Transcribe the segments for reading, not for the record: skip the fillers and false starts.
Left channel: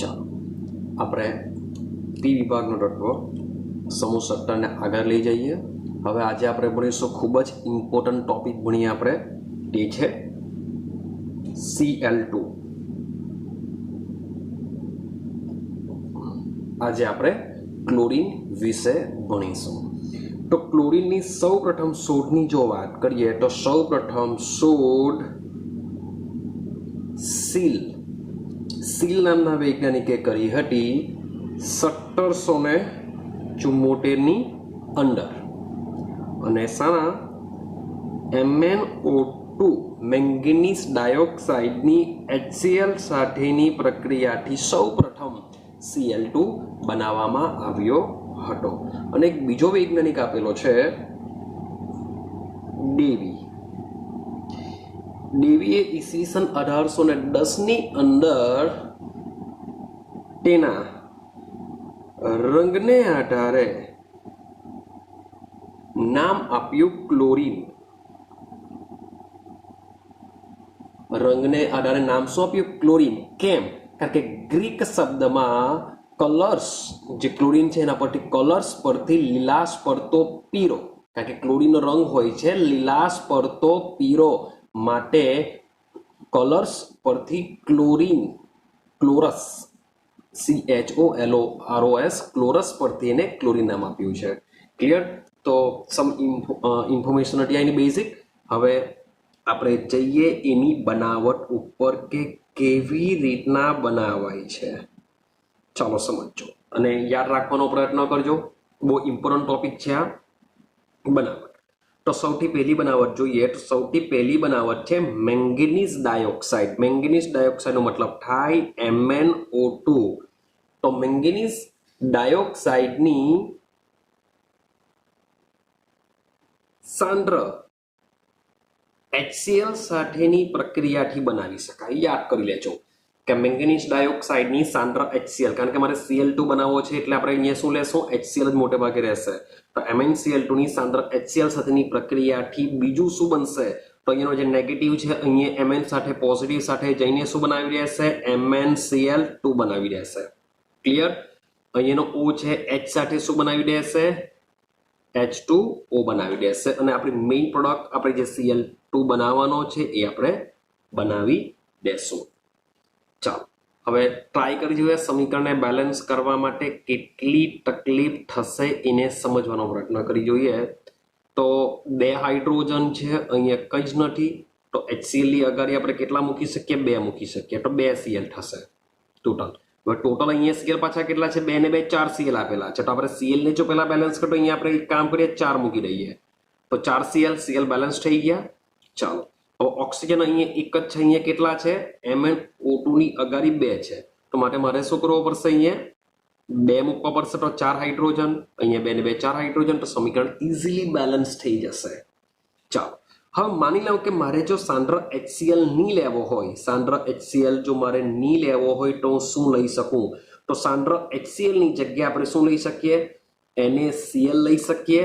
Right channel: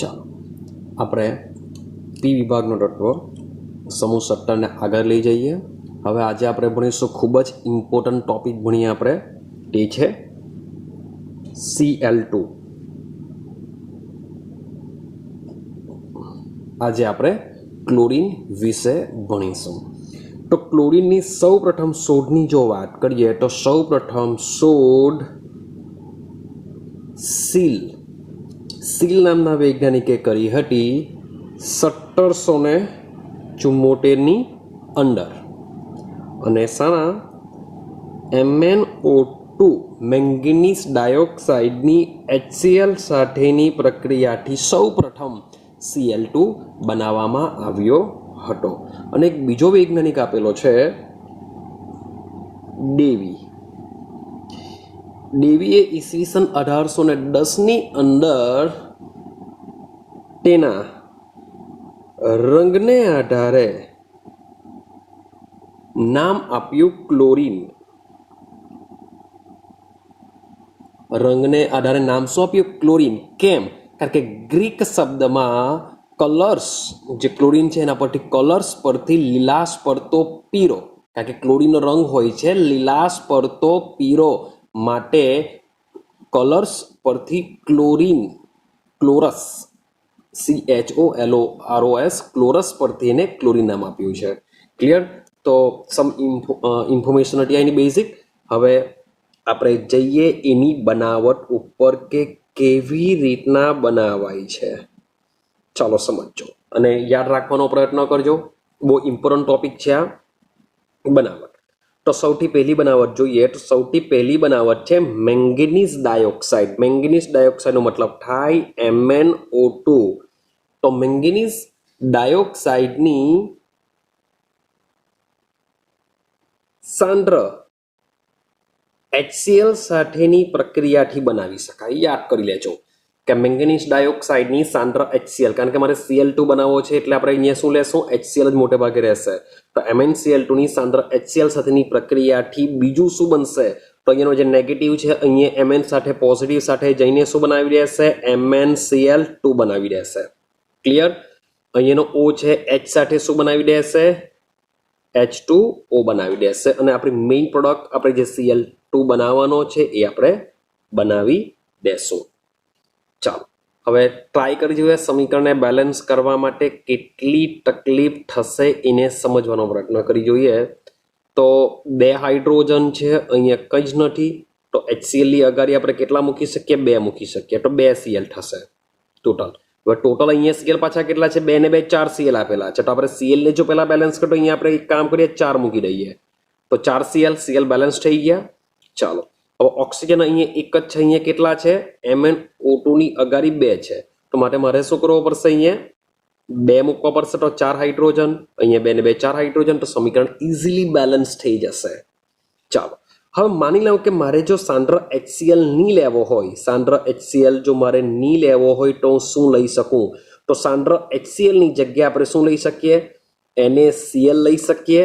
ચાલો આપણે પી વિભાગનો તત્વ સમૂહ 17 ને આગળ લઈ જઈએ। હવે આજે આપણે ભણીશું ખૂબ જ ઇમ્પોર્ટન્ટ ટોપિક ભણીએ આપણે, તે છે Cl2। આજે આપણે ક્લોરીન વિશે ભણીશું। તો ક્લોરીનની સૌપ્રથમ શોધની જો વાત કરીએ તો સૌપ્રથમ શોધ સીલ નામના વૈજ્ઞાનિકે કરી હતી 1774ની અંદર, અને શાના MnO2 મેંગનીઝ ડાયોક્સાઇડની HCl સાથેની પ્રક્રિયાથી સૌપ્રથમ Cl2 બનાવવામાં આવ્યો હતો। અને એક બીજો વૈજ્ઞાનિક આપેલો છે ડેવીએ ઈસવીસન 1810ની અંદર તેના રંગને આધારે નામ આપ્યું ક્લોરીન। રંગને આધારે નામ શું આપ્યું? ક્લોરીન। કેમ? કારણ કે ગ્રીક શબ્દમાં કલર્સ, જે ક્લોરીન છે એના પરથી કલર્સ પરથી લીલાશ પડતો પીરો, કારણ કે ક્લોરીનનો રંગ હોય છે લીલાશ પડતો પીરો, માટે કલર્સ પરથી ક્લોરસ CHOLOROS ક્લોરસ પરથી એને ક્લોરીન નામ આપ્યું છે। ક્લિયર? તો સમ ઇન્ફોર્મેશન હતી એની બેઝિક। હવે આપણે જઈએ એની બનાવટ ઉપર કે કેવી રીતના બનાવાય છે, ચાલો સમજો અને યાદ રાખવાનો પ્રયત્ન કરજો, બહુ ઇમ્પોર્ટન્ટ ટોપિક છે આ બનાવટ। તો સૌથી પહેલી બનાવટ જોઈએ તો સૌથી પહેલી બનાવટ છે મેંગનીઝ ડાયોક્સાઇડ। મેંગનીઝ ડાયોક્સાઇડનો મતલબ થાય MnO2। તો મેંગનીઝ ડાયોક્સાઇડની સાંદ્ર HCl સાથેની પ્રક્રિયાથી બનાવી શકાય। યાદ કરી લેજો કે મેંગનીઝ ડાયોક્સાઇડની સાંદ્ર HCl, કારણ કે મારે Cl2 બનાવવો છે એટલે આપણે અહીંયા શું લેશું? HCl જ મોટે ભાગે રહેશે। તો MnCl2 ની સાંદ્ર HCl સાથેની પ્રક્રિયાથી બીજું શું બનશે? તો અહીંયાનો જે નેગેટિવ છે અહીંયા Mn સાથે પોઝિટિવ સાથે જઈને શું બનાવી દેશે? MnCl2 બનાવી દેશે। ક્લિયર? અહીંયાનો O છે H સાથે શું બનાવી દેશે? H2O બનાવી દેશે, અને આપણી મેઇન પ્રોડક્ટ આપણે જે Cl2 બનાવવાનો છે એ આપણે બનાવી દેશું। ચાલો હવે ટ્રાય કરી જોઈએ સમીકરણને બેલેન્સ કરવા માટે કેટલી તકલીફ થશે એને સમજવાનો પ્રયત્ન કરી જોઈએ। તો 2 હાઇડ્રોજન છે, અહીંયા કંઈ જ નથી, તો HCl ની અગાડી આપણે કેટલા મૂકી શકીએ? 2 મૂકી શકીએ, તો 2 Cl થશે ટોટલ। હવે ટોટલ અહીંયા Cl પાછા કેટલા છે? 2 ને 2 4 Cl આપેલા છે, તો આપણે Cl ને જો પહેલા બેલેન્સ કરો, અહીંયા આપણે એક કામ કરીએ 4 મૂકી દઈએ, તો 4 Cl બેલેન્સ થઈ ગયા। ચાલો હવે ઓક્સિજન અહીંયા એક જ છે, અહીંયા કેટલા છે? MnO2 ની અગાડી 2 છે, તો માટે મારે શું કરવું પડશે? અહીંયા 2 મૂકવા પડશે, તો 4 હાઇડ્રોજન, અહીંયા 2 ને 2 4 હાઇડ્રોજન, તો સમીકરણ ઇઝીલી બેલેન્સ થઈ જશે। ચાલો હવે માની લો કે મારે જો સાંદ્ર HCl નહીં લેવો હોય, સાંદ્ર HCl જો મારે નહીં લેવો હોય તો હું શું લઈ શકું? તો સાંદ્ર HCl ની જગ્યાએ આપણે શું લઈ શકીએ? NaCl લઈ શકીએ,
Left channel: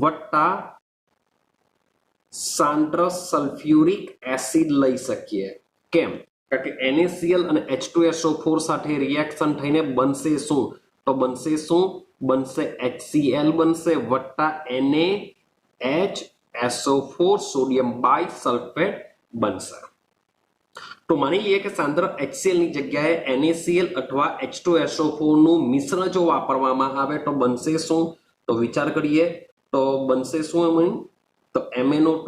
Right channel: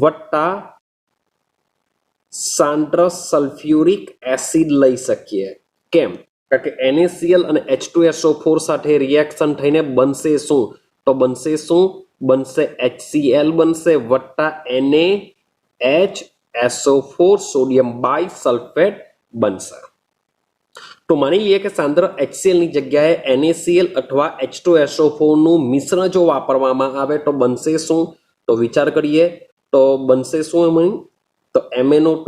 વત્તા સાંદ્ર સલ્ફ્યુરિક એસિડ લઈ શકીએ। કેમ? કારણ કે NaCl અને H2SO4 સાથે રિએક્શન થઈને બનશે શું? તો બનશે શું? બનશે HCl બનશે, વત્તા NaHSO4 સોડિયમ બાયસલ્ફેટ બનશે। તો માની લઈએ કે સાંદ્ર HCl ની જગ્યાએ NaCl અથવા H2SO4 નું મિશ્રણ જો વાપરવામાં આવે તો બનશે શું? તો વિચાર કરીએ, તો બનશે શું? એમાં તો MnO2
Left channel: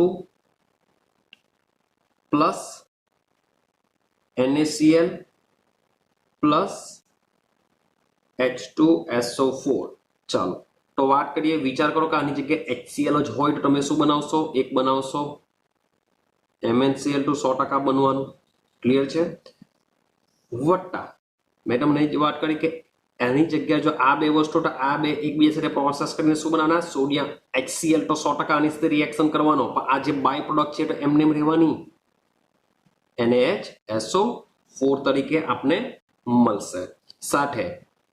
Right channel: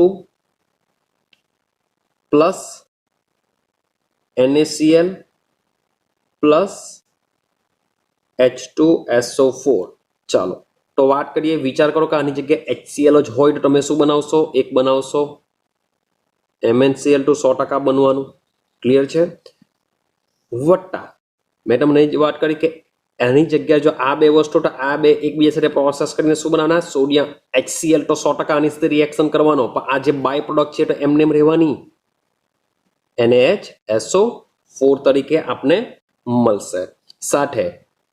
plus NaCl plus H2SO4। ચાલો તો વાત કરીએ, વિચાર કરો કે આની જગ્યાએ HCl જ હોય તો તમે શું બનાવશો? એક બનાવશો, MnCl2 100% બનવાનું। ક્લિયર છે? વત્તા મેં તમને વાત કરી કે એની જગ્યાએ જો આ 2 વસ્તુ, તો આ 2 એકબીજા સાથે પ્રોસેસ કરીને શું બનાવવાના? સોડિયમ HCl તો 100% આની સાથે રિએક્શન કરવાનો, પણ આ જે બાય પ્રોડક્ટ છે તો એમને એમ રહેવાની, NaHSO4 તરીકે આપણે મળશે સાથે।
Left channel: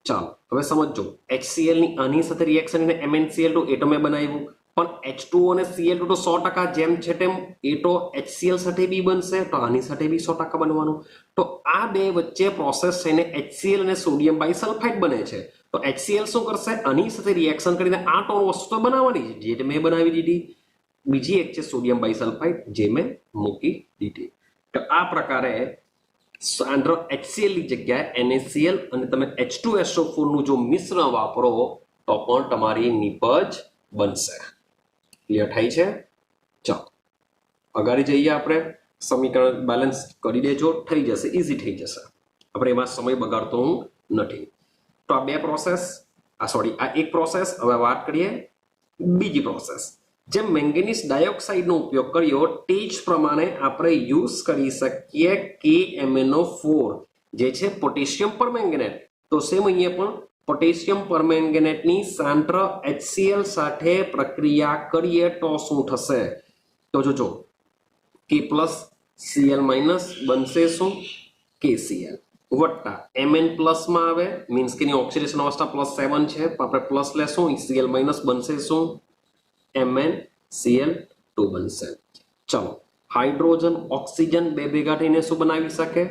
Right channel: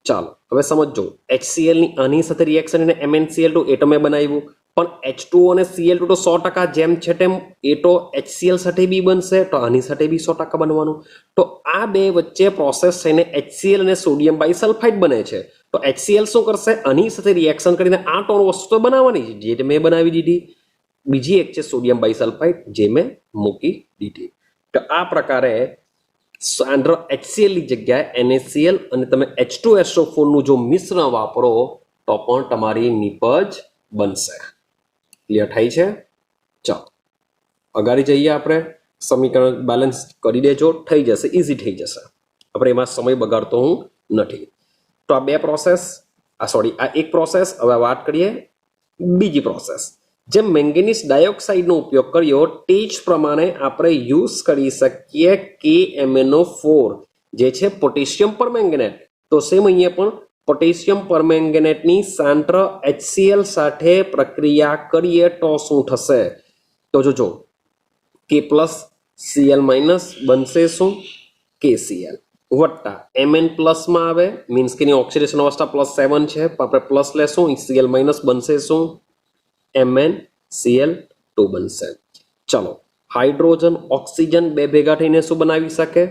ચાલો હવે સમજો, HCl ની આની સાથે રિએક્શન એને MnCl2 એ તો મેં બનાવ્યું, પણ H2O અને Cl2 તો 100% જેમ છે તેમ એ તો HCl સાથે બી બનશે, તો આની સાથે બી 100% બનવાનું. તો આ બે વચ્ચે પ્રોસેસ થઈને HCl અને સોડિયમ બાયસલ્ફાઇડ બને છે. તો HCl શું કરશે, આની સાથે રિએક્શન કરીને આ ત્રણ વસ્તુ તો બનાવવાની છે, જે મેં બનાવી દીધી. બીજી એક છે સોડિયમ બાયસલ્ફાઇડ, જે મેં મૂકી દીધી. તો આ પ્રકારે સાંદ્ર HCl ની જગ્યાએ NaCl અને તમે H2SO4 નું જો મિશ્રણ વાપરો તો પણ તમારી નિપજ બનશે. ક્લિયર થાય છે? ચાલો અગાડી જઈએ, આપણે સમીકરણ બેલેન્સ કરી દેજો, થઈ જશે, ઇઝી થઈ જશે. આપણે એમાં સમય બગાડતો હું નથી. તો આ બે પ્રોસેસ, આ એક પ્રોસેસ. હવે વાત કરીએ બીજી પ્રોસેસ. જેમ મેંગેનીઝ ડાયોક્સાઇડનો ઉપયોગ કર્યો તે જ પ્રમાણે આપણે યુઝ કરી શકીએ KMnO4 જે છે પોટેશિયમ પરમેંગેનેટ. તો સેમ અહીંયા પણ પોટેશિયમ પરમેંગેનેટની સાંદ્ર HCl સાથે પ્રક્રિયા કરીએ તો શું થશે? તો જોજો K પ્લસ Cl માઇનસ બનશે શું? KCl વત્તા Mn પ્લસમાં આવે, મીન્સ કે એની ઓક્સિડેશન અવસ્થા +7 છે, આપણે પ્લસ લેશું, Cl માઇનસ બનશે શું? MnCl2 બનશે. ચલો હાઇડ્રોજન ઓક્સિજન બે ભેગા થઈને શું બનાવી શકે?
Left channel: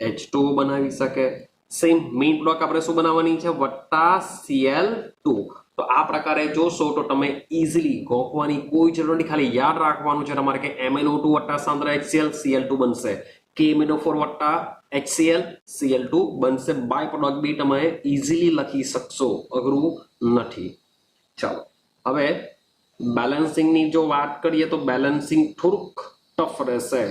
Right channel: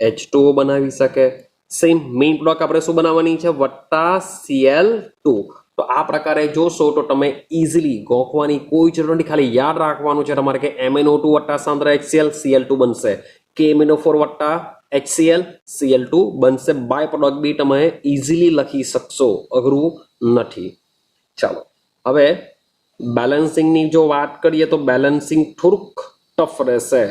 H2O બનાવી શકે. સેમ મેઇન પ્રોડક્ટ આપણે શું બનાવવાની છે? વત્તા Cl2. તો આ પ્રકારે જોશો તો તમે ઇઝીલી ગોખવાની કોઈ જરૂર નથી, ખાલી યાદ રાખવાનું છે તમારે કે MnO2 વત્તા સાંદ્ર HCl Cl2 બનશે, KMnO4 વત્તા HCl Cl2 બનશે. બાય પ્રોડક્ટ બી તમે ઇઝીલી લખી શકશો, અઘરું નથી. ચાલો હવે બેલેન્સિંગની જો વાત કરીએ તો બેલેન્સિંગ થોડુંક ટફ રહેશે.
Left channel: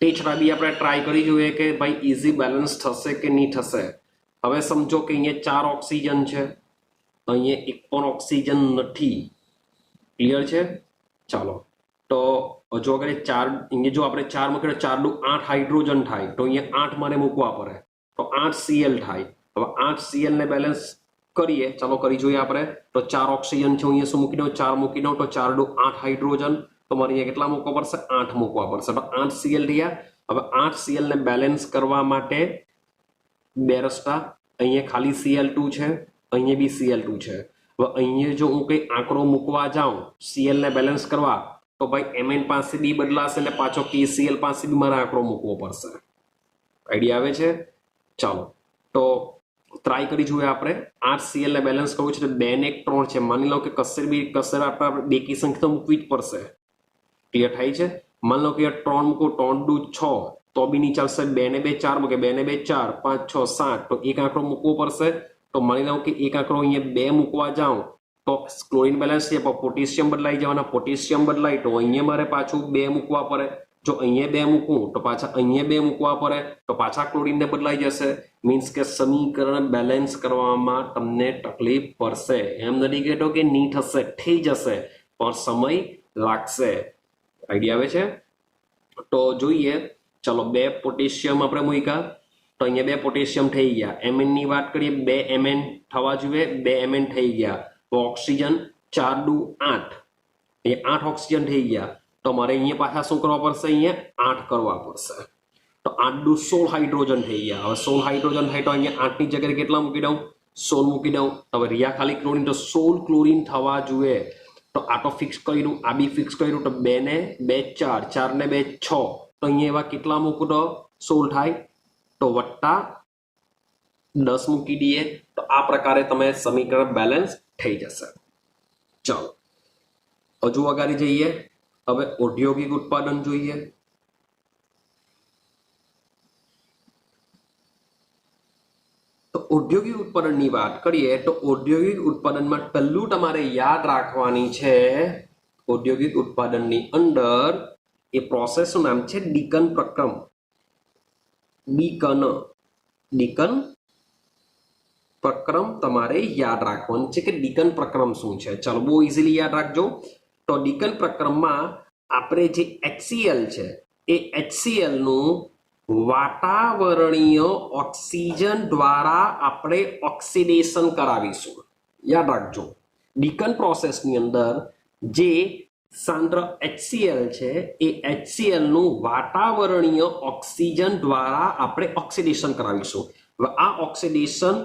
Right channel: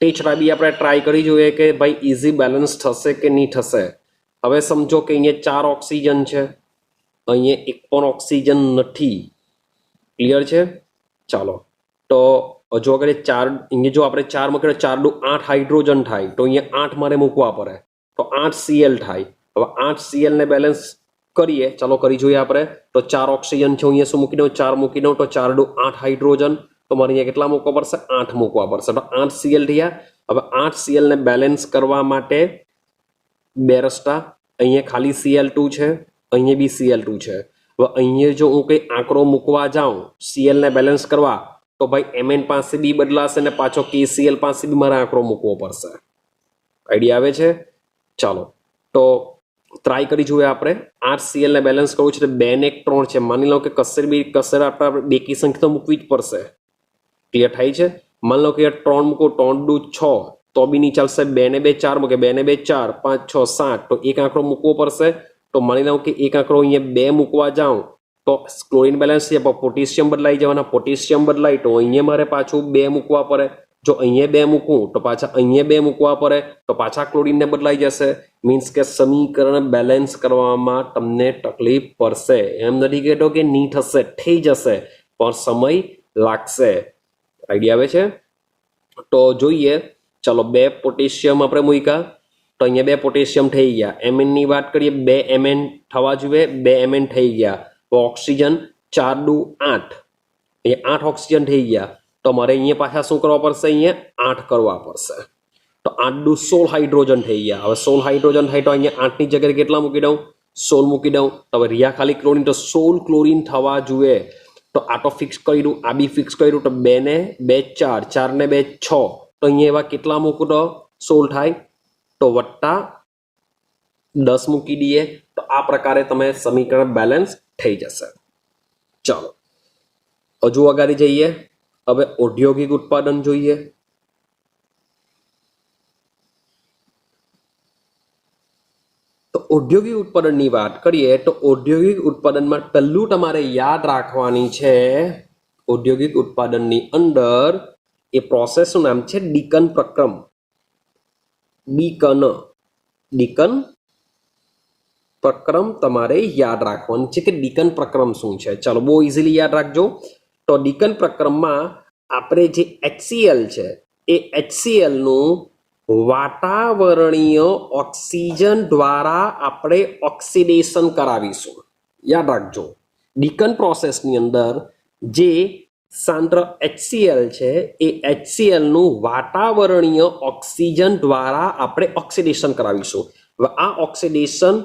તે છતાં બી આપણે ટ્રાય કરી જોઈએ કે ભાઈ ઇઝી બેલેન્સ થશે કે નહીં થશે. હવે સમજો કે અહીંયા 4 ઓક્સિજન છે, અહીંયા એક પણ ઓક્સિજન નથી. ક્લિયર છે? ચાલો તો જો અગર 4 અહીંયા જો આપણે 4 મૂકીએ 4 દુ 8 હાઇડ્રોજન થાય, તો અહીંયા 8 મારે મૂકવા પડે, તો 8 Cl થાય. હવે 8 Cl ને બેલેન્સ કરીએ, ચાલો કરી જોઈએ આપણે. તો 4 ઓક્સિજન છે, અહીંયા શું મૂકી દઉં? 4 મૂકી દઉં, તો 4 દુ 8 હાઇડ્રોજન, તો મારે અહીંયા કેટલા મૂકવા પડશે? 8 મૂકવા પડશે. તો 8 Cl થયા. હવે 8 Cl ને બેલેન્સ કરવા માટે બે રસ્તા. અહીંયા ખાલી Cl2 છે, અહીંયા બી Cl2 છે. હવે અહીંયા જો હું કંઈ આંકડો મૂકવા જાઉં Cl ને બેલેન્સ કરવા, તો ભાઈ Mn પાસે બી બદલાશે ને પાછો KCl પાસે બી મારે આંકડો મૂકવો પડશે. આઈડિયા આવે છે? ચાલો તો ટ્રાય કરી જોઈએ આપણે. 8 Cl ને બેલેન્સ કરવું છે, 2 ને 1 3 છે. માની લો કે કશે આપણે બેકી સંખ્યા તો મૂકવી જ પડશે. ક્લિયર થાય છે? માની લો કે 3 મૂકો, 3 દુ 6, તો બી નહીં ચાલશે. 2 ને 2 4 મૂકે, 2 ને 2 4, 5 6 7, તો એક આંકડો મૂકવો પડશે. તો માની લો કે એક આંકડો અહીંયા 2 મૂકવા જાઉં તો ક્લોરીન બેલેન્સ છે, પોટેશિયમ બદલાઈ જવાના, પોટેશિયમ બદલાય તો અહીંયા મારે પાછું 2 મૂકવા પડે. જો અહીંયા 2 મૂકું તો પાછા અહીંયા 2 મૂકવા પડે, તો પાછા ક્લોરીનને બદલાઈ જશે. મીન્સ કે સમીકરણ બેલેન્સ કરવામાં તમને તકલીફ પડશે. એમ નથી કહેતો કે નહીં થશે, થઈ જશે, પણ સમય લાગશે. આઈડિયા આવે છે? તો જોઈએ, ચલો 2 પોટેશિયમ આપણે મૂક્યા, તો અહીંયા 2 પોટેશિયમ થઈ ગયા. Mn ની વાત કરીએ, 2 Mn થવા જોઈએ, 2 Mn થઈ ગયા. તો ઓક્સિજન 4 દુ 8, અહીંયા 8 ઓક્સિજન થઈ ગયા. તો મારે અહીંયા પાછા શું કરવા પડશે? અહીંયા 8 કરવા પડશે. તો 8 દુ 16 હાઇડ્રોજન થઈ ગયા. હવે 16 હાઇડ્રોજન થાય તો અહીંયા 8 ની જગ્યાએ કેટલા મૂકી દઉં? 16 મૂકી દઉં. હવે રહ્યા ખાલી ક્લોરીન, તો 16 ક્લોરીન થવા જોઈએ. તો આ તો ફિક્સ કર્યું, આ બી ફિક્સ કર્યું. તો 2 ને 2 4, 4 ને 2 6, તો અહીંયા એવા કેટલા મૂકું તો 16 થાય. તો વત્તા 10 મૂકી દઈએ. તો આ પ્રકારે તમે સમીકરણ બેલેન્સ થઈ જશે. ચાલો હજુ આગળ જઈએ. હવે ઔદ્યોગિક ઉત્પાદન જોઈએ. તો ઔદ્યોગિક ઉત્પાદનની વાત કરીએ તો ઔદ્યોગિક ઉત્પાદનમાં પહેલું તમારે યાદ રાખવાની છે, ઔદ્યોગિક ઉત્પાદનની અંદર એ પ્રોસેસનું નામ છે ડીકન પ્રક્રમ. ડીકન પ્રક્રમ તમારે યાદ રાખવાનું છે કે ડીકન પ્રક્રમ શું છે. ચાલો બહુ ઇઝીલી યાદ રાખજો. તો ડીકન પ્રક્રમમાં આપણે જે HCl છે એ HCl નું વાતાવરણીય ઓક્સિજન દ્વારા આપણે ઓક્સિડેશન કરાવીશું. યાદ રાખજો, ડીકન પ્રોસેસની અંદર જે સાંદ્ર HCl છે એ HCl નું વાતાવરણીય ઓક્સિજન દ્વારા આપણે ઓક્સિડેશન કરાવીશું. હવે આ ઓક્સિડેશન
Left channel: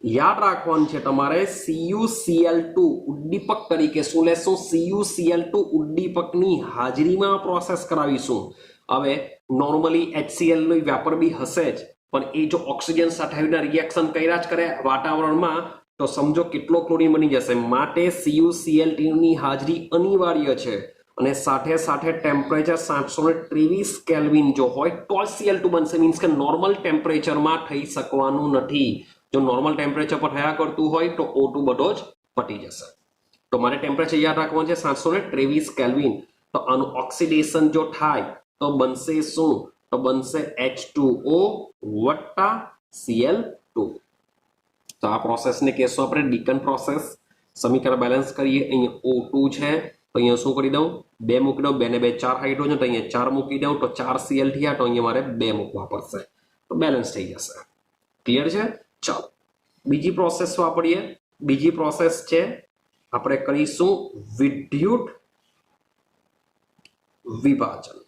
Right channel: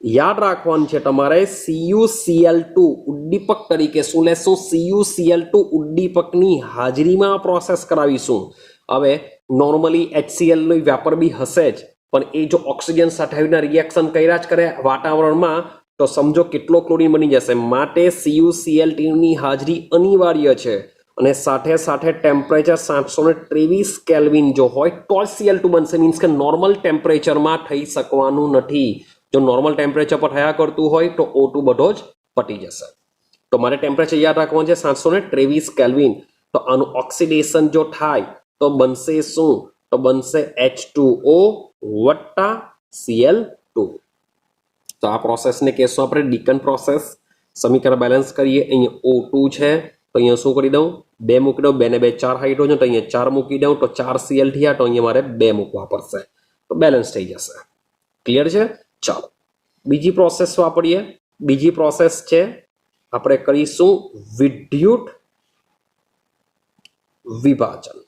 યાદ રાખવાનું છે તમારે CuCl2 ઉદ્દીપક તરીકે શું લેશું? CuCl2 ઉદ્દીપકની હાજરીમાં પ્રોસેસ કરાવીશું. હવે નોર્મલી HCl નો વ્યાપાર બી હશે જ, પણ એ જો ઓક્સિજન સાથે આવીને રિએક્શન કર્યા જ કરે વાતાવરણમાં તો સમજો કેટલો ક્લોરીન બની જશે. માટે CuCl2 ની હાજરી અનિવાર્ય છે અને સાથે સાથે ટેમ્પરેચર 723 કેલ્વિન જો હોય તો Cl2 બનશે. મીન્સ કે નોર્મલ ટેમ્પરેચરમાં થઈ શકવાનું નથી. જો નોર્મલ ટેમ્પરેચર પર થયા કરતું હોય તો O2 બધો જ પતી જશે. તો મારે ટેમ્પરેચર યાદ રાખવાનું છે 723 કેલ્વિન. તો આનું ઓક્સિડેશન જો થાય તો બનશે શું? તો બનશે H2O વત્તા Cl2. તો આ પ્રોસેસને કહેશું આપણે ડીકન પ્રોસેસ. સમીકરણ બેલેન્સ કરીએ. અહીંયા O2 છે તો અહીંયા શું કરી દઉં? 2 મૂકી દઉં. 2 ને 2 4 હાઇડ્રોજન, તો અહીંયા 4 મૂકી દઉં તો 4 Cl થયા. તો અહીંયા મારે 2 મૂકવા પડશે તો બેલેન્સ થઈ જશે. ક્લિયર છે? ચાલો બીજી પ્રોસેસ વાપરીએ. બીજી પ્રોસેસ છે આપણે કરીશું વિદ્યુત વિભાજન.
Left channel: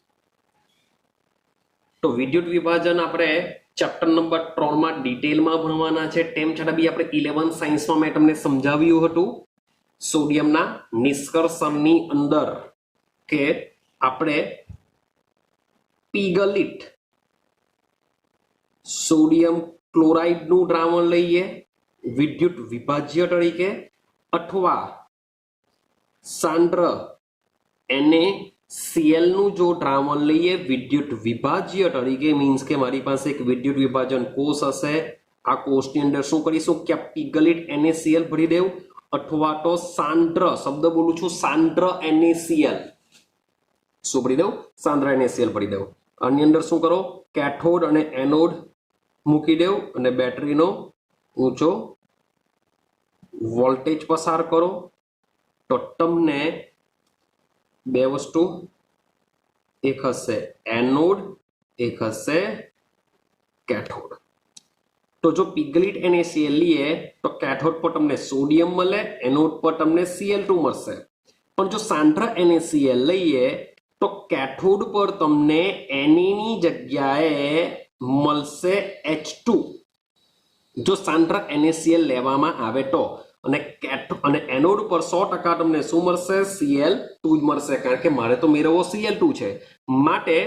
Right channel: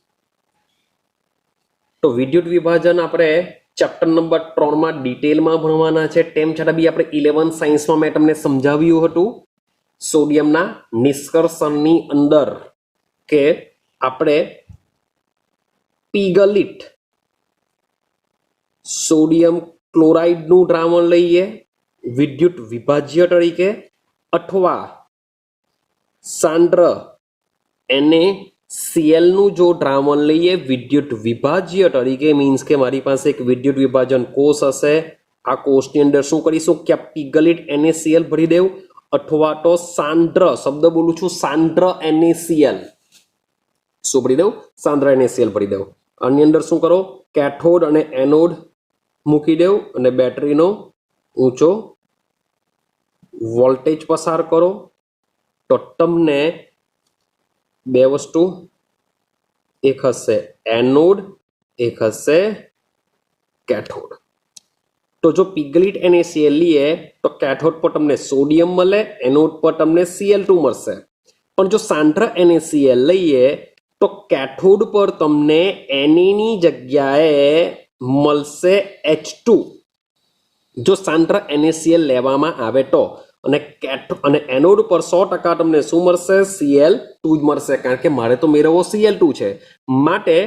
તો વિદ્યુત વિભાજન આપણે ચેપ્ટર નંબર 3 માં ડિટેલમાં ભણવાના છે. તેમ છતાં બી આપણે 11 સાયન્સમાં મેં તમને સમજાવ્યું હતું સોડિયમના નિષ્કર્ષણની અંદર કે આપણે પીગલિટ સોડિયમ ક્લોરાઇડનું દ્રાવણ લઈએ વિદ્યુત વિભાજ્ય તરીકે, અથવા સાંદ્ર NaCl નું જો દ્રાવણ લઈએ વિદ્યુત વિભાજ્ય તરીકે. મીન્સ કે મારી પાસે એક વિદ્યુત વિભાજન કોષ હશે. આ કોષની અંદર શું કરીશું કે પીગલિટ NaCl ભરી દેવું, અથવા તો સાંદ્ર, શબ્દ બોલું છું, સાંદ્ર NaCl શું ભરી દઉં? સાંદ્ર NaCl ભરી દઉં. આની અંદર શું કરો? કેથોડ અને એનોડ મૂકી દેવું અને બેટરીનો ઊંચો વોલ્ટેજ પસાર કરો તો તમને બે વસ્તુ, એક હશે એનોડ, એક હશે કેથોડ. તો જો પીગલિટ NaCl લઈએ તો કેથોડ પર તમને સોડિયમ મળે, એનોડ પર તમને Cl2 મળશે. પણ જો સાંદ્ર NaCl લઈએ તો કેથોડ પર તમને Na ની જગ્યાએ મળશે H2 જો સાંદ્ર NaCl લેવામાં આવે તો. અને એનોડ પર 100% તમને શું મળશે? Cl2 જ મળશે, કારણ કે મારે તો મેળવવો Cl2 છે. માટે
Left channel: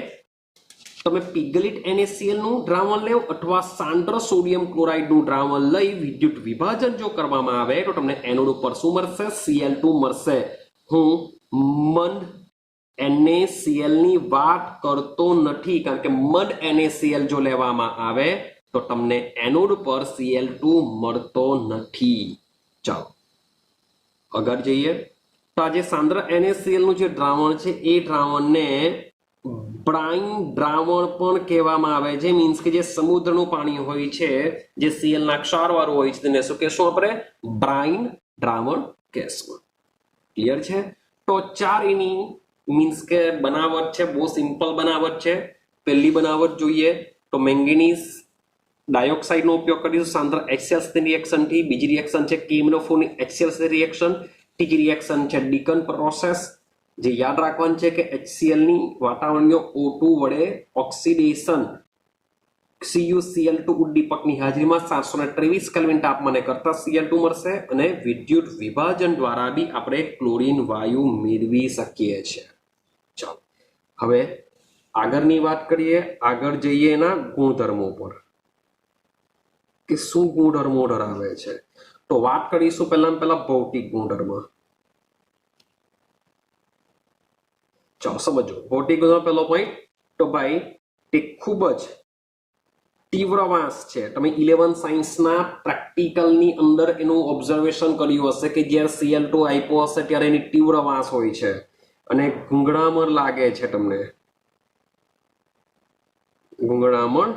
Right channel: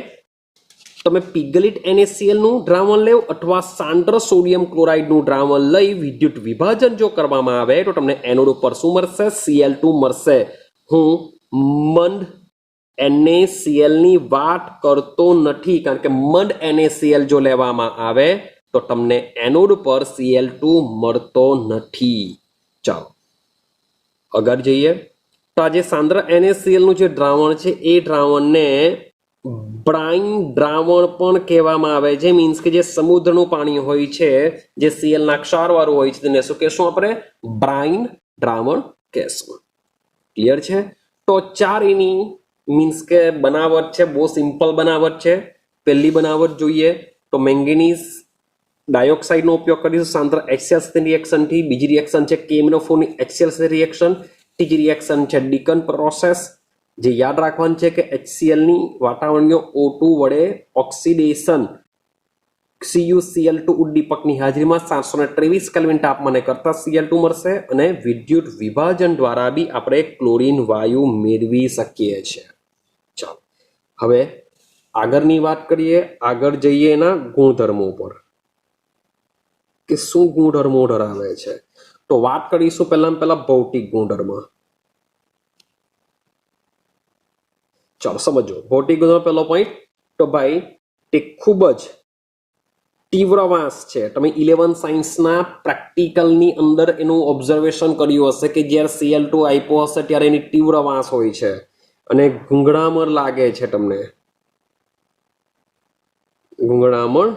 તમે પીગલિટ NaCl નું દ્રાવણ લેવ અથવા સાંદ્ર સોડિયમ ક્લોરાઇડનું દ્રાવણ લઈ વિદ્યુત વિભાજન જો કરવામાં આવે તો તમને એનોડ ઉપર શું મળશે? Cl2 મળશે. હું મંદ NaCl ની વાત કરતો નથી, કારણ કે મંદ NaCl જો લેવામાં આવે તો તમને એનોડ પર Cl2 મળતો નથી. ચાલો આગળ જઈએ. તો આ જે સાંદ્ર NaCl નું જે દ્રાવણ છે એ દ્રાવણને બ્રાઇન દ્રાવણ પણ કહેવામાં આવે છે. મીન્સ કે જે સમુદ્રનું પાણી હોય છે જે Cl ના ક્ષારવાળું હોય છે તેને શું કહેશું આપણે? બ્રાઇન દ્રાવણ કહેશું. ક્લિયર છે? તો ચાર એની મીન્સ કે બનાવટ છે, બહુ સિમ્પલ બનાવટ છે. પહેલી બનાવટ જોઈએ તો મેંગેનીઝ ડાયોક્સાઇડનો ઉપયોગ કરીશું સાંદ્ર HCl રિએક્શન થી. બીજી રિએક્શન છે કેમિનોફોરની HCl રિએક્શન. ત્રીજી રિએક્શન છે ડીકન પ્રોસેસ. જે યાદ રાખવાનું છે કે HCl ની વાતાવરણીય O2 વડે ઓક્સિડેશન CuCl2 ઉદ્દીપકની હાજરીમાં 723 કેલ્વિન તાપમાને કરતા Cl2 મળશે. અને વિદ્યુત વિભાજન દ્વારા બી આપણે ક્લોરીન વાયુ મેળવી શકીએ છીએ. ચાલો હવે આગળની વાત કરીએ. આગળ જઈએ એના ગુણધર્મો પર કે શું ગુણધર્મો ધરાવે છે. તો વાત કરીશું પહેલા ભૌતિક ગુણધર્મ. ચાલો સમજો ભૌતિક ગુણધર્મ. પહેલો પોઈન્ટ તો ભાઈ તે ખૂબ જ તીવ્ર વાસ છે. તમે 11 સાયન્સના પ્રેક્ટિકલની અંદર એનું ઓબ્ઝર્વેશન કર્યું હશે કે જ્યારે Cl2 આપ્યો હશે ત્યારે એની તીવ્ર વાસ હોય છે અને ગૂંગળામણ લાગે છે. તમને ગૂંગળામણ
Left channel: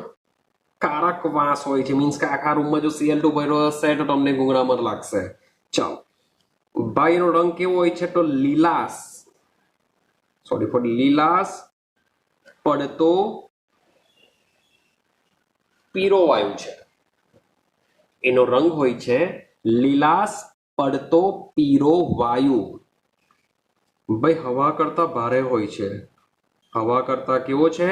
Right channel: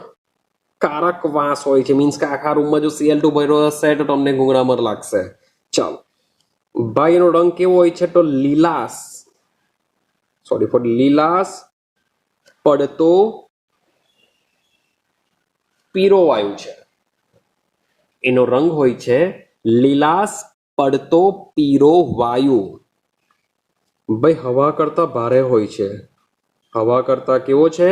કારક વાસ હોય છે. મીન્સ કે આખા રૂમમાં જો Cl2 ભર્યો હશે તો તમને ગૂંગળામણ લાગશે. ચાલો ભાઈ એનો રંગ કેવો હોય છે? તો લીલાશ પડતો પીળો વાયુ છે. એનો રંગ હોય છે લીલાશ પડતો પીળો વાયુ. ભાઈ હવા કરતા ભારે હોય છે. હવા કરતા કેવો છે?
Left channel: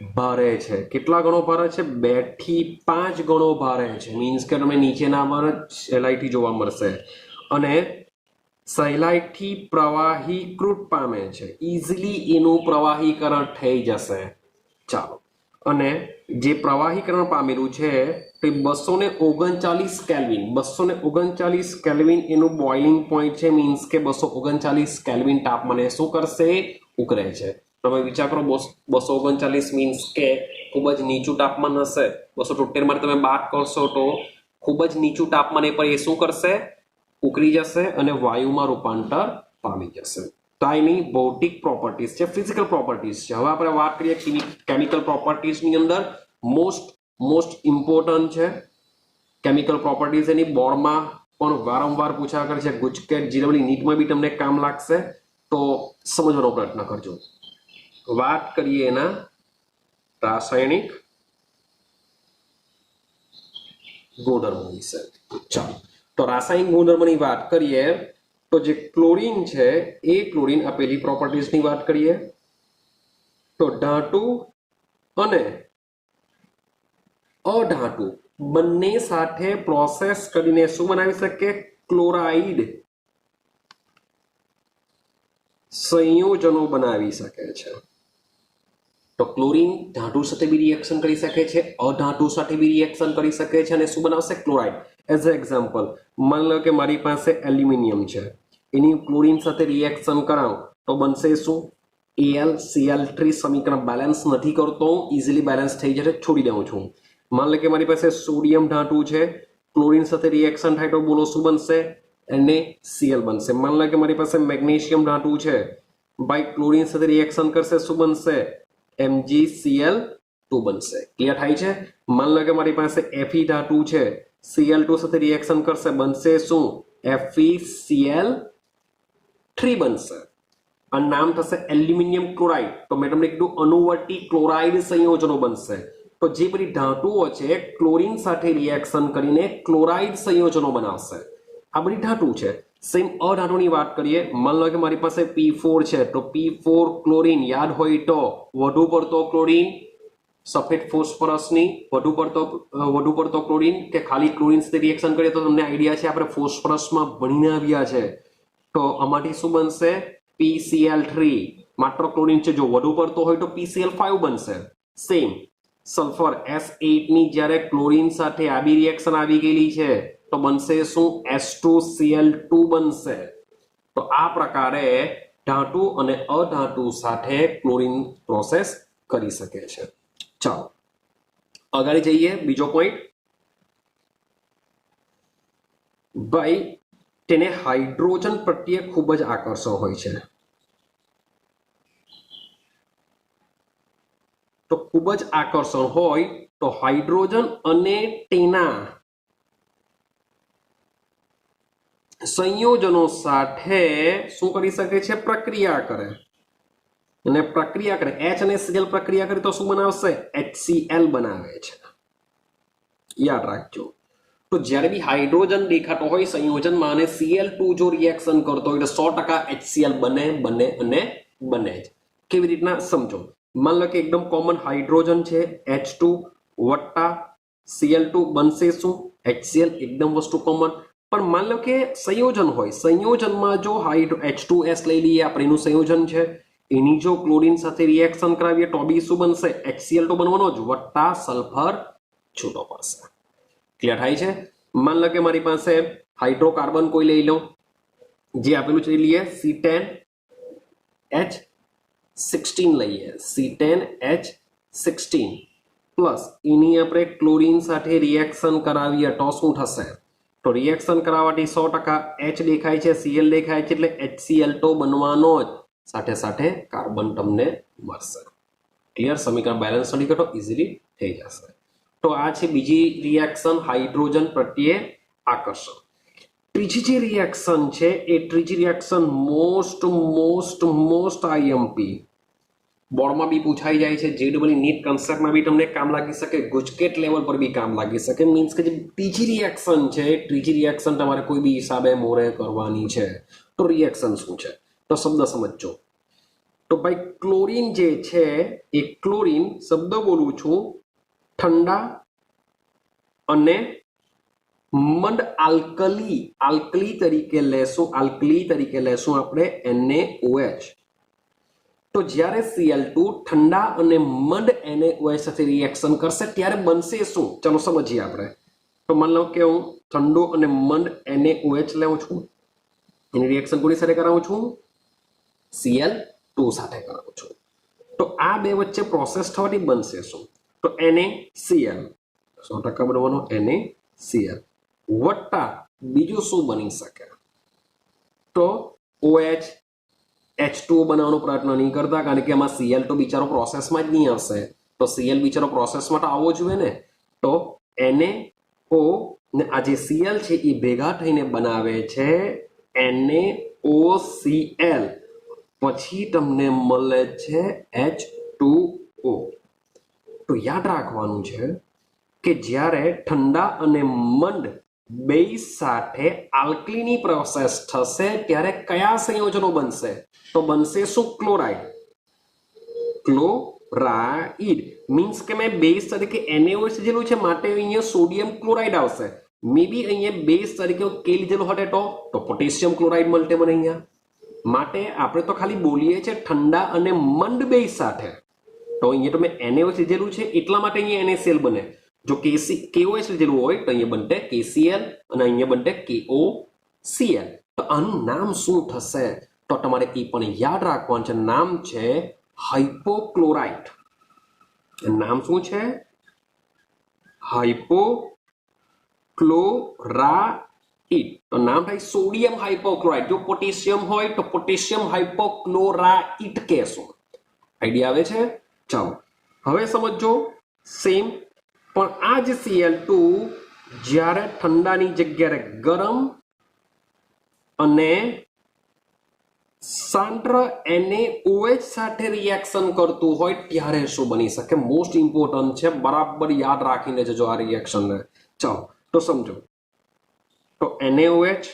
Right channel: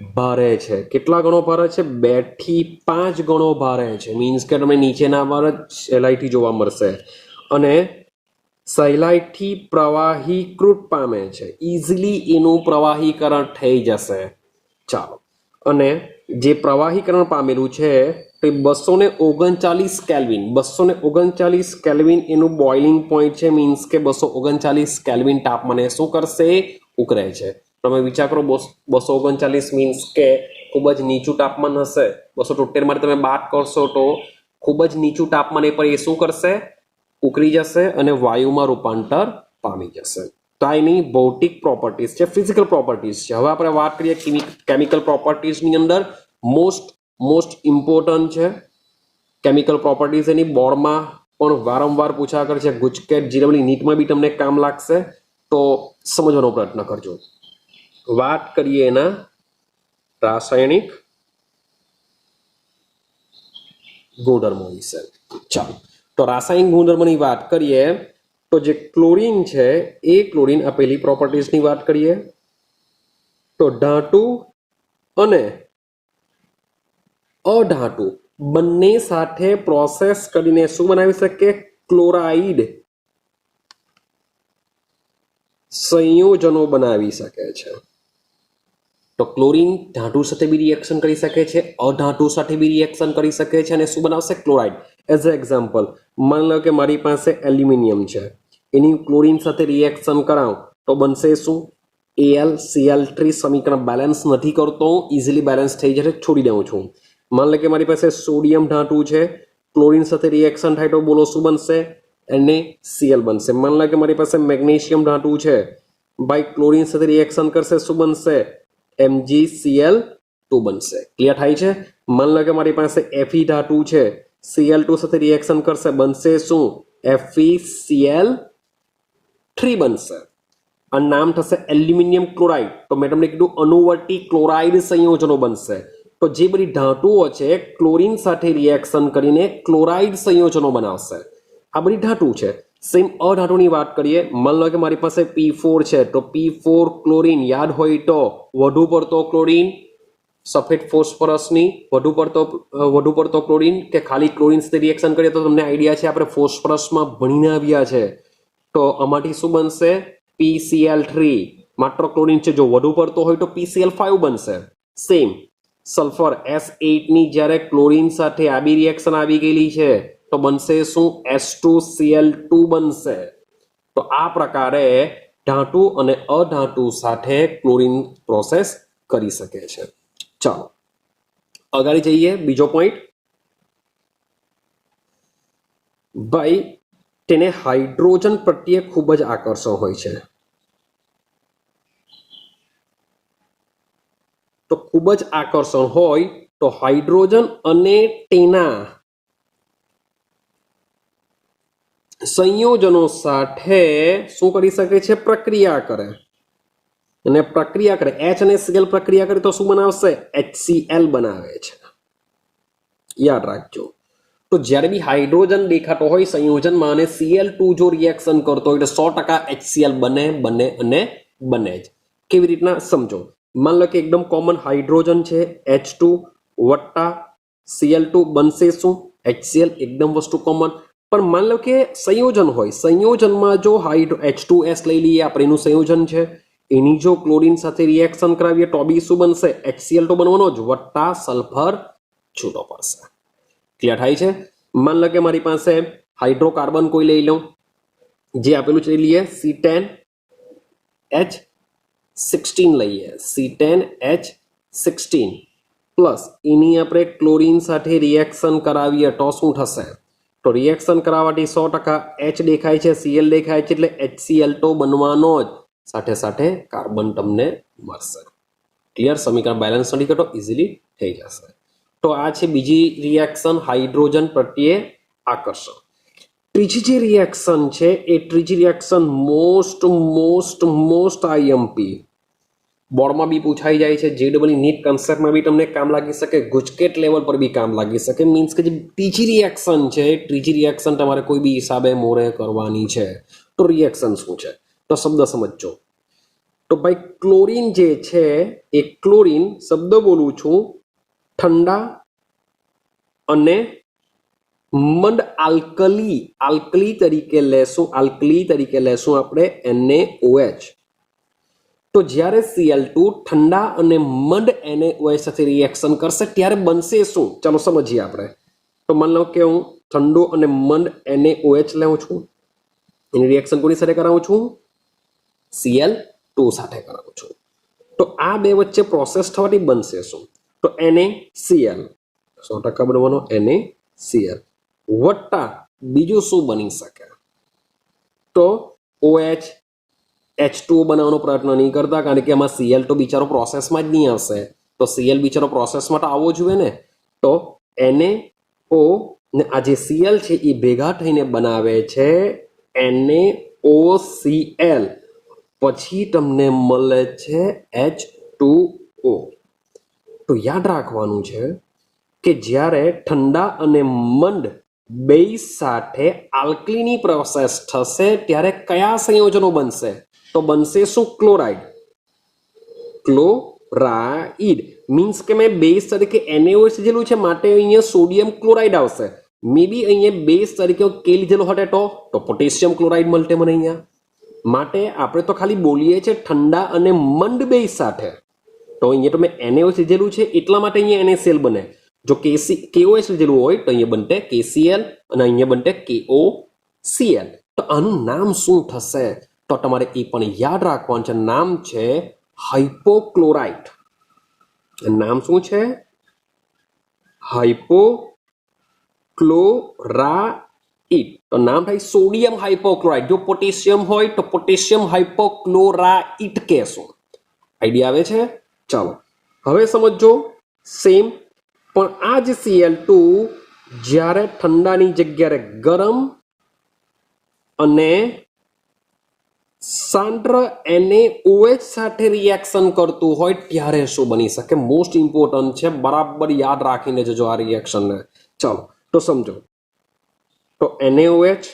ભારે છે. કેટલા ગણો ભારે છે? 2 થી 5 ગણો ભારે છે. મીન્સ કે તમને નીચેના વાર જ સહેલાઈથી જોવા મળશે. અને સહેલાઈથી પ્રવાહીકૃત પામે છે. ઇઝીલી એનું પ્રવાહીકરણ થઈ જશે. ચાલો, અને જે પ્રવાહીકરણ પામેલું છે તે 239 કેલ્વિન, 239 કેલ્વિન એનું બોઇલિંગ પોઈન્ટ છે. મીન્સ કે 239 કેલ્વિન તાપમાને શું કરશે? ઉકળે છે. તમે વિચાર કરો, 239 મીન્સ કે ખૂબ જ નીચું તાપમાન હશે. 273 માટે તમે બાદ કરશો તો ખૂબ જ નીચું તાપમાને પર એ શું કરશે? ઉકળી જશે અને વાયુમાં રૂપાંતર પામી જશે. તો આ એની ભૌતિક પ્રોપર્ટીઝ છે, ફિઝિકલ પ્રોપર્ટીઝ છે. હવે આપણે વાત કરીએ કેમિકલ પ્રોપર્ટીઝની અંદર. મોસ્ટ ઇમ્પોર્ટન્ટ છે કેમિકલ પ્રોપર્ટીઝ. એની બોર્ડમાં પણ વારંવાર પૂછા કરે છે. ગુજકેટ જીડબલ્યુ નીટમાં બી તમને કામ લાગશે, તો સમજવાનો પ્રયત્ન કરજો. વાત કરીએ એના રાસાયણિક ગુણધર્મો વિશે. ચાલો, તો રાસાયણિક ગુણધર્મની વાત કરીએ તો જે ક્લોરીન છે એ ક્લોરીન, આ પહેલી પ્રોપર્ટીઝની વાત કરીએ તો ધાતુ અને અધાતુ બંને સાથે પ્રોસેસ કરીને શું બનાવી શકે? ક્લોરાઇડ સંયોજનો બનાવી શકે છે. તો ક્લોરીન ધાતુ સાથે બી રિએક્શન કરી શકે છે, અધાતુ સાથે બી રિએક્શન કરી શકે છે, અને શું બનાવશે? ક્લોરાઇડ. એઝ અ એક્ઝામ્પલ, માની લો કે મારી પાસે એલ્યુમિનિયમ છે, એની ક્લોરીન સાથે રિએક્શન કરાવું તો બનશે શું? AlCl3. સમીકરણ બેલેન્સ નથી કરતો, ઇઝીલી બેલેન્સ થઈ જશે, છોડી દઉં છું. માની લો કે મારી પાસે સોડિયમ ધાતુ છે, ક્લોરીન સાથે રિએક્શન થાય તો બોલો શું બનશે? NaCl બનશે. માની લો કે મારી પાસે મેગ્નેશિયમ ધાતુ છે, બાય ક્લોરીન સાથે રિએક્શન કરશે, શું બનશે? MgCl2 બનશે. ક્લિયર થાય છે? માની લો કે મારી પાસે Fe ધાતુ છે, Cl2 સાથે રિએક્શન કરશે, બનશે શું? FeCl3 બનશે. આ નામ થશે એલ્યુમિનિયમ ક્લોરાઇડ. તો મેં તમને કીધું અનુવર્તી ક્લોરાઇડ સંયોજનો બનશે. તો જે બધી ધાતુઓ છે ક્લોરીન સાથે રિએક્શન કરીને ક્લોરાઇડ સંયોજનો બનાવશે. આ બધી ધાતુ છે. સેમ અધાતુની વાત કરીએ. માની લો કે મારી પાસે P4 છે, તો P4 ક્લોરીન, યાદ હોય તો વધુ પડતો ક્લોરીન, સફેદ ફોસ્ફરસની વધુ પડતો ક્લોરીન, કે ખાલી ક્લોરીન સાથે રિએક્શન કરીએ તો તમને આઈડિયા છે, આપણે ફોસ્ફરસમાં ભણીને આવ્યા છે. તો આમાંથી શું બનશે? PCl3. માત્ર ક્લોરીન છે, જો વધુ પડતો હોય તો PCl5 બનશે. સેમ સલ્ફર S8 ની જ્યારે ક્લોરીન સાથે આવી રિએક્શન આવી ગયેલી છે તો બનશે શું? S2Cl2 બનશે. તો આ પ્રકારે ધાતુ અને અધાતુ સાથે ક્લોરીન પ્રોસેસ કરી શકે છે. ચાલો આગળ જઈએ. બીજો પોઈન્ટ, ભાઈ તેને હાઇડ્રોજન પ્રત્યે ખૂબ જ આકર્ષણ હોય છે. તો ખૂબ જ આકર્ષણ હોય તો હાઇડ્રોજન અને તેના સંયોજનો સાથે શું કરી શકે છે? પ્રક્રિયા કરે. અને પ્રક્રિયા કરે, H અને Cl પ્રક્રિયા કરે તો શું બનાવશે? HCl બનાવે છે. યાદ રાખજો. તો જ્યારે બી હાઇડ્રોજન દેખાતો હોય સંયોજનમાં અને Cl2 જો રિએક્શન કરતો હોય તો 100% HCl બને અને બને જ. કેવી રીતના સમજો. માન લો કે એકદમ કોમન હાઇડ્રોજન છે, H2 વત્તા Cl2 બનશે શું? HCl. એકદમ વસ્તુ કોમન. પણ માન લો કે સંયોજન હોય, સંયોજનમાં જો H2S લઈ લઈએ આપણે, એનું સંયોજન છે, એની જો ક્લોરીન સાથે રિએક્શન કરાવીએ તો બી શું બનશે? HCl તો બનવાનો જ, વત્તા સલ્ફર છૂટો પડશે. ક્લિયર થાય છે? માન લો કે મારી પાસે હાઇડ્રોકાર્બન કોઈ લઈ લઉં, જે આપેલું છે લઈએ, C10H16 લઈએ, C10H16 પ્લસ એની આપણે ક્લોરીન સાથે રિએક્શન કરાવીએ તો શું થશે? તો રિએક્શન કરાવવાથી 100% H દેખાય છે, Cl દેખાય છે, એટલે HCl તો બનવાનો જ, સાથે સાથે કાર્બન તમને મળશે. ક્લિયર? સમીકરણ બેલેન્સ નથી કરતો, ઇઝીલી થઈ જશે. તો આ છે બીજી રિએક્શન, હાઇડ્રોજન પ્રત્યે આકર્ષણ. ત્રીજી જે રિએક્શન છે એ ત્રીજી રિએક્શન મોસ્ટ આઈએમપી બોર્ડમાં બી પૂછાઈ જાય છે, જેડબલઈ નીટ કન્સેપ્ટમાં બી તમને કામ લાગી શકે, ગુજકેટ લેવલ પર બી કામ લાગી શકે. મીન્સ કે જે ત્રીજી રિએક્શન છે, ત્રીજી રિએક્શન તમારે કોઈ બી હિસાબે મોરે કરવાની છે. તો રિએક્શન શું છે? તો શબ્દ સમજજો. તો ભાઈ ક્લોરીન જે છે એ ક્લોરીન શબ્દ બોલું છું ઠંડા અને મડ આલ્કલી તરીકે લેશું આપણે NaOH. તો જ્યારે Cl2 ઠંડા અને મડ NaOH સાથે રિએક્શન કરશે ત્યારે બનશે શું? ચાલો સમજીએ આપણે. તો માન લો કે હું ઠંડો અને મડ NaOH લાવું છું, એની રિએક્શન કોની સાથે કરાવું છું? Cl2 સાથે કરાવું છું. તો આ બે વચ્ચે પ્રોસેસ થવાથી બનશે શું? તો NaCl 100% બનવાનો NaCl વત્તા બીજું શું બની શકે? તો OH H2O બનાવવાનો પ્રયત્ન નહીં કરતા, કારણ કે એમાં Cl તો બિચારો પ્રોસેસમાં જ નહીં આવશે. તો Cl બિચારો પ્રોસેસમાં તો આવવો જોઈએ ને. તો NaO ને આ જે Cl છે એ ભેગા થઈને બનાવે છે NaOCl, પછી તમને મળે છે H2O. તો યાદ રાખવાનું છે કે જ્યારે ઠંડા અને મંદ બે સાથે આલ્કલીની પ્રોસેસ થશે ત્યારે કયા સંયોજનો બનશે? તો બનશે શું? ક્લોરાઇડ મીન્સ કે મેં બેઝ તરીકે NaOH લીધેલું છે માટે અહીંયા સોડિયમ ક્લોરાઇડ આવશે. મે બી અહીંયા બેઝ તરીકે કે લીધેલો હતે તો પોટેશિયમ ક્લોરાઇડ મળતે મને અહીંયા. માટે આપણે તો ખાલી બોલીએ છે ઠંડા અને મંદ બે સાથે. તો અહીંયા તો મેં NaOH લીધેલું છે એટલા માટે અહીંયા NaCl બને. જો KOH લીધેલું હોય તો અહીંયા બનતે KCl અને અહીંયા બનતે KOCl. તો આનું નામ શું થશે? તો તમારે એ પણ યાદ રાખવાનું છે. નામ છે હાઇપોક્લોરાઇટ. નામ શું છે? હાઇપોક્લોરાઇટ. તો નામ થાય સોડિયમ હાઇપોક્લોરાઇટ. જો પોટેશિયમ હોય તો પોટેશિયમ હાઇપોક્લોરાઇટ કહેશું. આઈડિયા આવે છે? ચાલો હવે સમજો સેમ. પણ આ જ Cl2 જ્યારે ઠંડાની જગ્યાએ ગરમ અને સાંદ્ર NaOH સાથે રિએક્શન કરતું હોય ત્યારે શું બની શકે? મોસ્ટ ઇમ્પોર્ટન્ટ છે, બરાબર યાદ રાખીને જજો આ રિએક્શનને. ચાલો તો સમજો. તો NaOH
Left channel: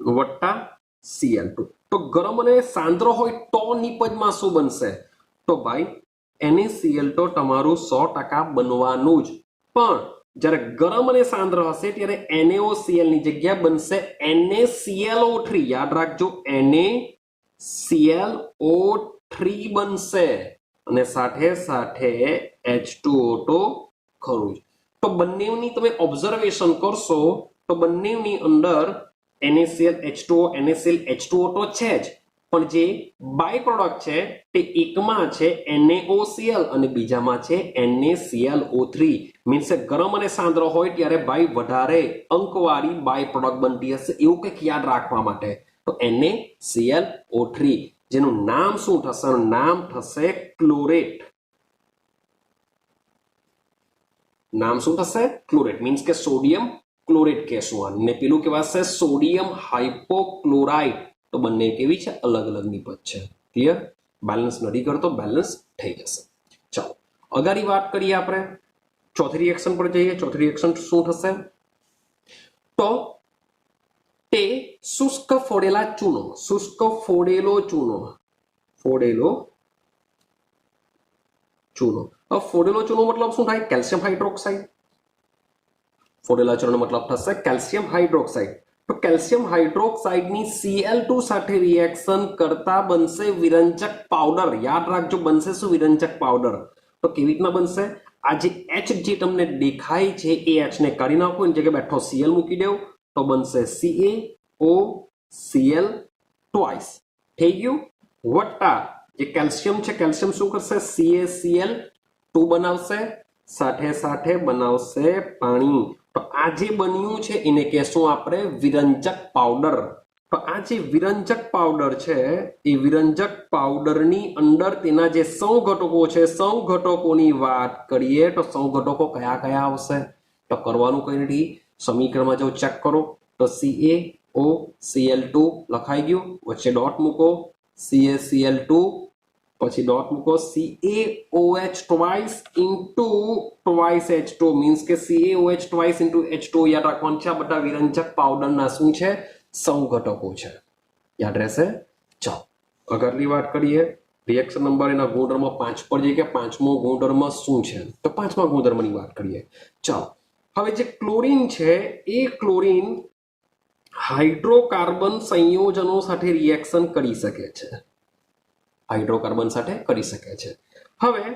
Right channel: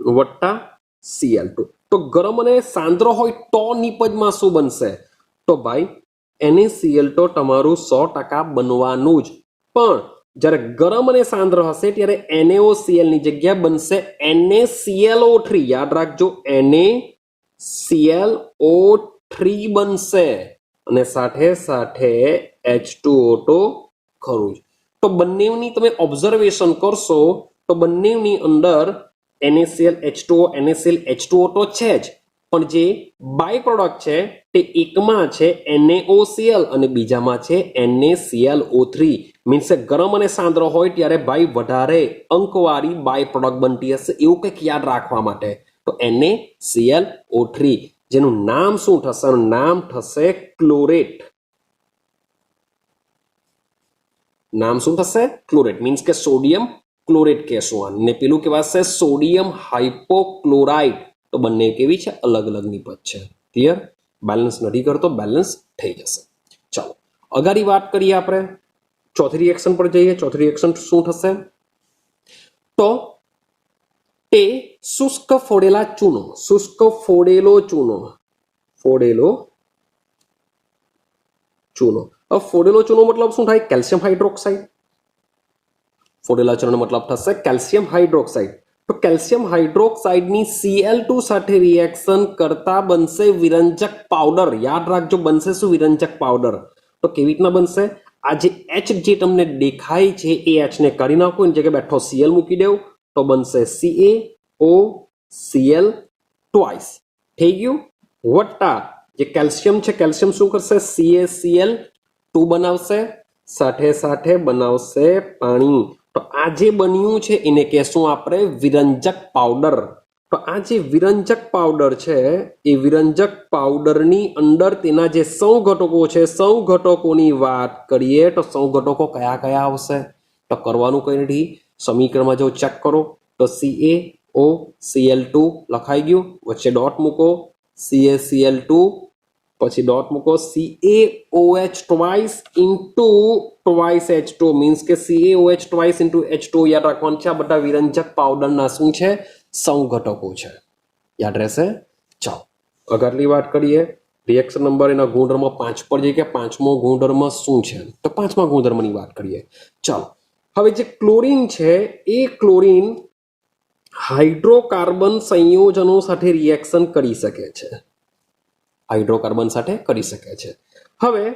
વત્તા Cl2. તો ગરમ અને સાંદ્ર હોય તો નિપજમાં શું બનશે? તો ભાઈ NaCl તો તમારું 100% બનવાનું જ, પણ જ્યારે ગરમ અને સાંદ્ર હશે ત્યારે NaOCl ની જગ્યા બનશે NaClO3. યાદ રાખજો, NaClO3 બનશે અને સાથે સાથે H2O તો ખરું જ. તો બંનેની તમે ઓબ્ઝર્વેશન કરશો તો બંનેની અંદર NaCl H2O NaCl H2O તો છે જ, પણ જે બાય પ્રોડક્ટ છે તે એકમાં છે NaOCl અને બીજામાં છે NaClO3. મીન્સ ગરમ અને સાંદ્ર હોય ત્યારે ભાઈ વધારે અંકવાળી બાય પ્રોડક્ટ બનતી હશે, એવું કંઈક યાદ રાખવા માટે. તો NaClO3 જેનું નામ શું થશે? નામ થશે ક્લોરેટ. નામ શું થશે? ક્લોરેટ. મીન્સ કે સોડિયમ ક્લોરેટ કહેશું આને. પેલું કહેવાશે સોડિયમ હાઇપોક્લોરાઇટ. તો બંને કેવી છે? અલગ અલગ નિપજ છે. ક્લિયર? બેલેન્સ નથી કરતો, બેલેન્સ થઈ જશે. ચાલો અગાડી વાત કરીએ આપણે ચોથી રિએક્શન પર જઈએ. ચોથી રિએક્શન શું થશે? તો તે શુષ્ક ફોડેલા ચૂનો, શુષ્ક ફોડેલો ચૂનો, ફોડેલો ચૂનો. હવે ફોડેલો ચૂનો મતલબ શું થાય? Calcium hydroxide. ફોડેલા ચૂનો મતલબ થશે કેલ્શિયમ હાઇડ્રોક્સાઇડ. તો કેલ્શિયમ હાઇડ્રોક્સાઇડની Cl2 સાથે રિએક્શન કરતા બનશે વિરંજક પાવડર. યાદ રાખજો, બનશે શું? વિરંજક પાવડર. તો કેવી રીતના બનશે? આ જે H જે તમને દેખાય છે એ H ને કરી નાખો, એની જગ્યાએ બેઠો Cl મૂકી દેવું તો બનશે CaOCl ટ્વાઇસ. થઈ ગયું? વત્તા જે કેલ્શિયમ છે, કેલ્શિયમ શું કરશે? CaCl2 બનાવશે, સાથે સાથે બનાવશે પાણી. તો આ જે બન્યું છે એને કહેશું આપણે વિરંજક પાવડર. તો આ જે વિરંજક પાવડર છે એ વિરંજક પાવડરની અંદર તેના જે સંઘટકો છે, સંઘટકોની વાત કરીએ તો સંઘટકો કયા કયા આવશે? તો કરવાનું કંઈ નથી, સમીકરણમાં જો ચેક કરો તો CaOCl2 લખાઈ ગયું, વચ્ચે ડોટ મૂકો, CaCl2 પછી ડોટ મૂકો, CaOH twice into twice H2 means કે CaOH ટ્વાઇસ ઇન્ટુ H2. યાદ રાખવાનું છે આ બધા વિરંજક પાવડરના શું છે? સંઘટકો છે. યાદ રહેશે? ચાલો આગળની વાત કરીએ રિએક્શન નંબર એના ગુણધર્મ 5 પર જઈએ કે પાંચમો ગુણધર્મ શું છે તો પાંચમા ગુણધર્મની વાત કરીએ ચાલો હવે જે ક્લોરીન છે એ ક્લોરીન હાઇડ્રોકાર્બન સંયોજનો સાથે રિએક્શન કરી શકે છે હાઇડ્રોકાર્બન સાથે કરી શકે છે હવે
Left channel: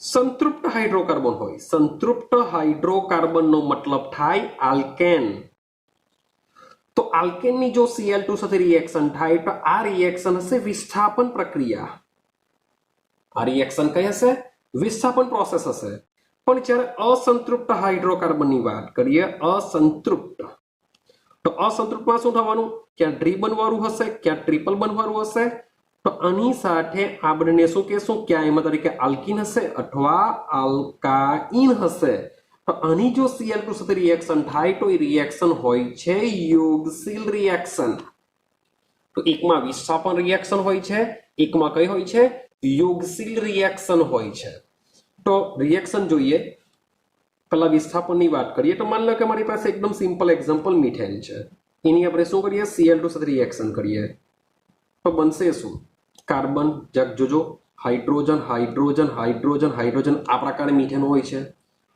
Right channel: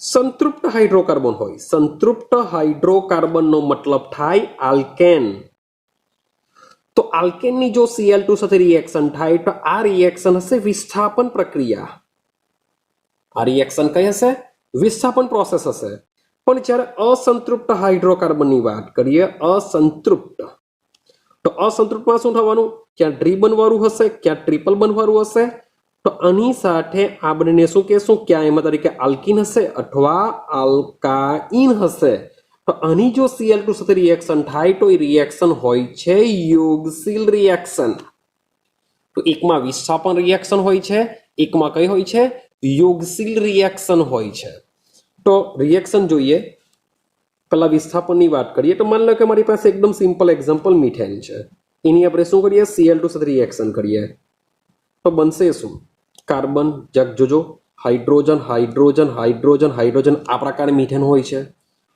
સંતૃપ્ત હાઇડ્રોકાર્બન હોય સંતૃપ્ત હાઇડ્રોકાર્બનનો મતલબ થાય આલ્કેન તો આલ્કેનની જો Cl2 સાથે રિએક્શન થાય તો આ રિએક્શન હશે વિસ્થાપન પ્રક્રિયા આ રિએક્શન કઈ હશે વિસ્થાપન પ્રોસેસ હશે પણ જ્યારે અસંતૃપ્ત હાઇડ્રોકાર્બનની વાત કરીએ અસંતૃપ્ત તો અસંતૃપ્તમાં શું થવાનું ક્યાં ટ્રી બનવાનું હશે ક્યાં ટ્રિપલ બનવાનું હશે તો આની સાથે આ બંનેને શું કહેશું ક્યાં એમાં તરીકે આલ્કીન હશે અથવા આલ્કાઇન હશે તો આની જો Cl2 સાથે રિએક્શન થાય તો એ રિએક્શન હોય છે યોગશીલ રિએક્શન તો એકમાં વિસ્થાપન રિએક્શન હોય છે એકમાં કઈ હોય છે યોગશીલ રિએક્શન હોય છે તો રિએક્શન જોઈએ પહેલા વિસ્થાપનની વાત કરીએ તો માની લો કે મારી પાસે એકદમ સિમ્પલ એક્ઝામ્પલ મિથેન છે એની આપણે શું કરીએ Cl2 સાથે રિએક્શન કરીએ તો બનશે શું કાર્બન જોજો હાઇડ્રોજન હાઇડ્રોજન હાઇડ્રોજન હાઇડ્રોજન આ પ્રકારે મિથેન હોય છે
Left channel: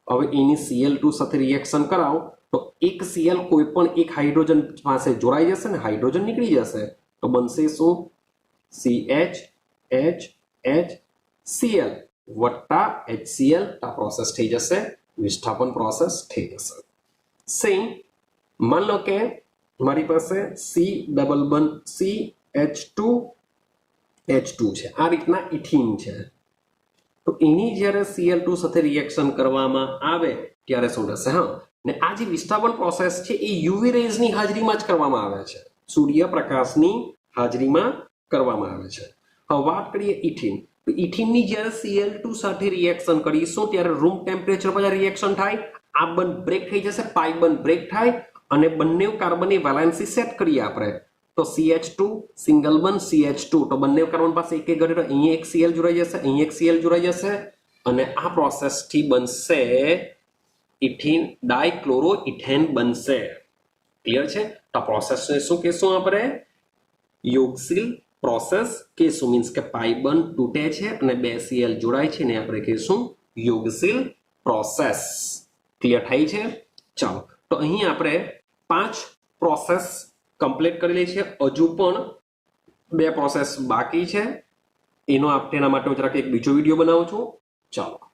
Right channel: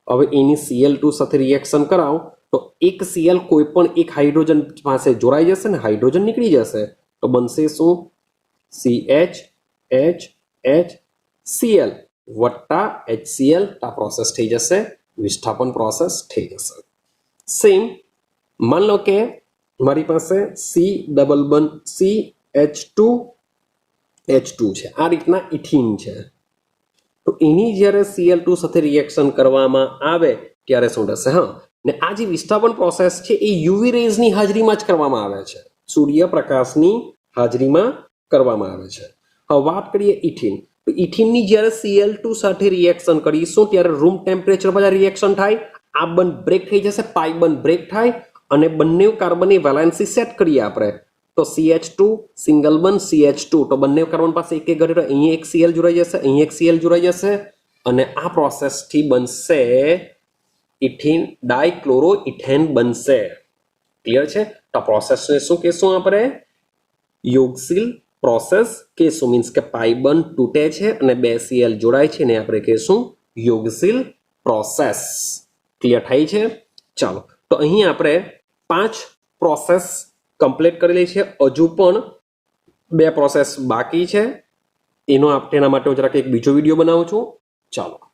હવે એની Cl2 સાથે રિએક્શન કરાવો તો એક Cl કોઈ પણ એક હાઇડ્રોજન પાસે જોડાઈ જશે ને હાઇડ્રોજન નીકળી જશે તો બનશે શું CHHHCl વત્તા HCl આ પ્રોસેસ થઈ જશે વિસ્થાપન પ્રોસેસ થઈ જશે સેમ માન લો કે મારી પાસે CH2H2 છે આ રીતના ઇથીન છે તો એની જ્યારે Cl2 સાથે રિએક્શન કરવામાં આવે ત્યારે શું થશે હા ને આ જે વિસ્થાપન પ્રોસેસ છે એ યુવી રેઝની હાજરીમાં જ કરવામાં આવે છે સૂર્યપ્રકાશની હાજરીમાં કરવામાં આવે છે હવે વાત કરીએ ઇથીન તો ઇથીનની જ્યારે Cl2 સાથે રિએક્શન કરીશું ત્યારે રૂમ ટેમ્પરેચર પર રિએક્શન થાય આ બંધ બ્રેક થઈ જશે પાઈ બંધ બ્રેક થાય અને બંને કાર્બનની વેલેન્સી સેટ કરીએ આપણે તો CH2 સિંગલ બંધ CH2 તો બંને કાર્બન પાસે એક ઘટે તો અહીં એક Cl જોડાઈ જશે અહીં એક Cl જોડાઈ જશે અને આ પ્રોસેસથી બનશે ઇથીન ડાઇક્લોરોઇથેન બનશે ક્લિયર છે તો આ પ્રોસેસને શું કહેશું આપણે યોગશીલ પ્રોસેસ કહેશું મીન્સ કે પાઈ બંધ તૂટે છે અને બે Cl જોડાય છે ને આપણે કહેશું યોગશીલ પ્રોસેસ ક્લિયર થાય છે ચાલો તો અહીં આપણે 5 પ્રોસેસ કમ્પ્લીટ કરેલી છે હજુ પણ 2 પ્રોસેસ બાકી છે એનો તેના માટે હું જરાક એક બીજો વિડીયો બનાવું છું ચાલો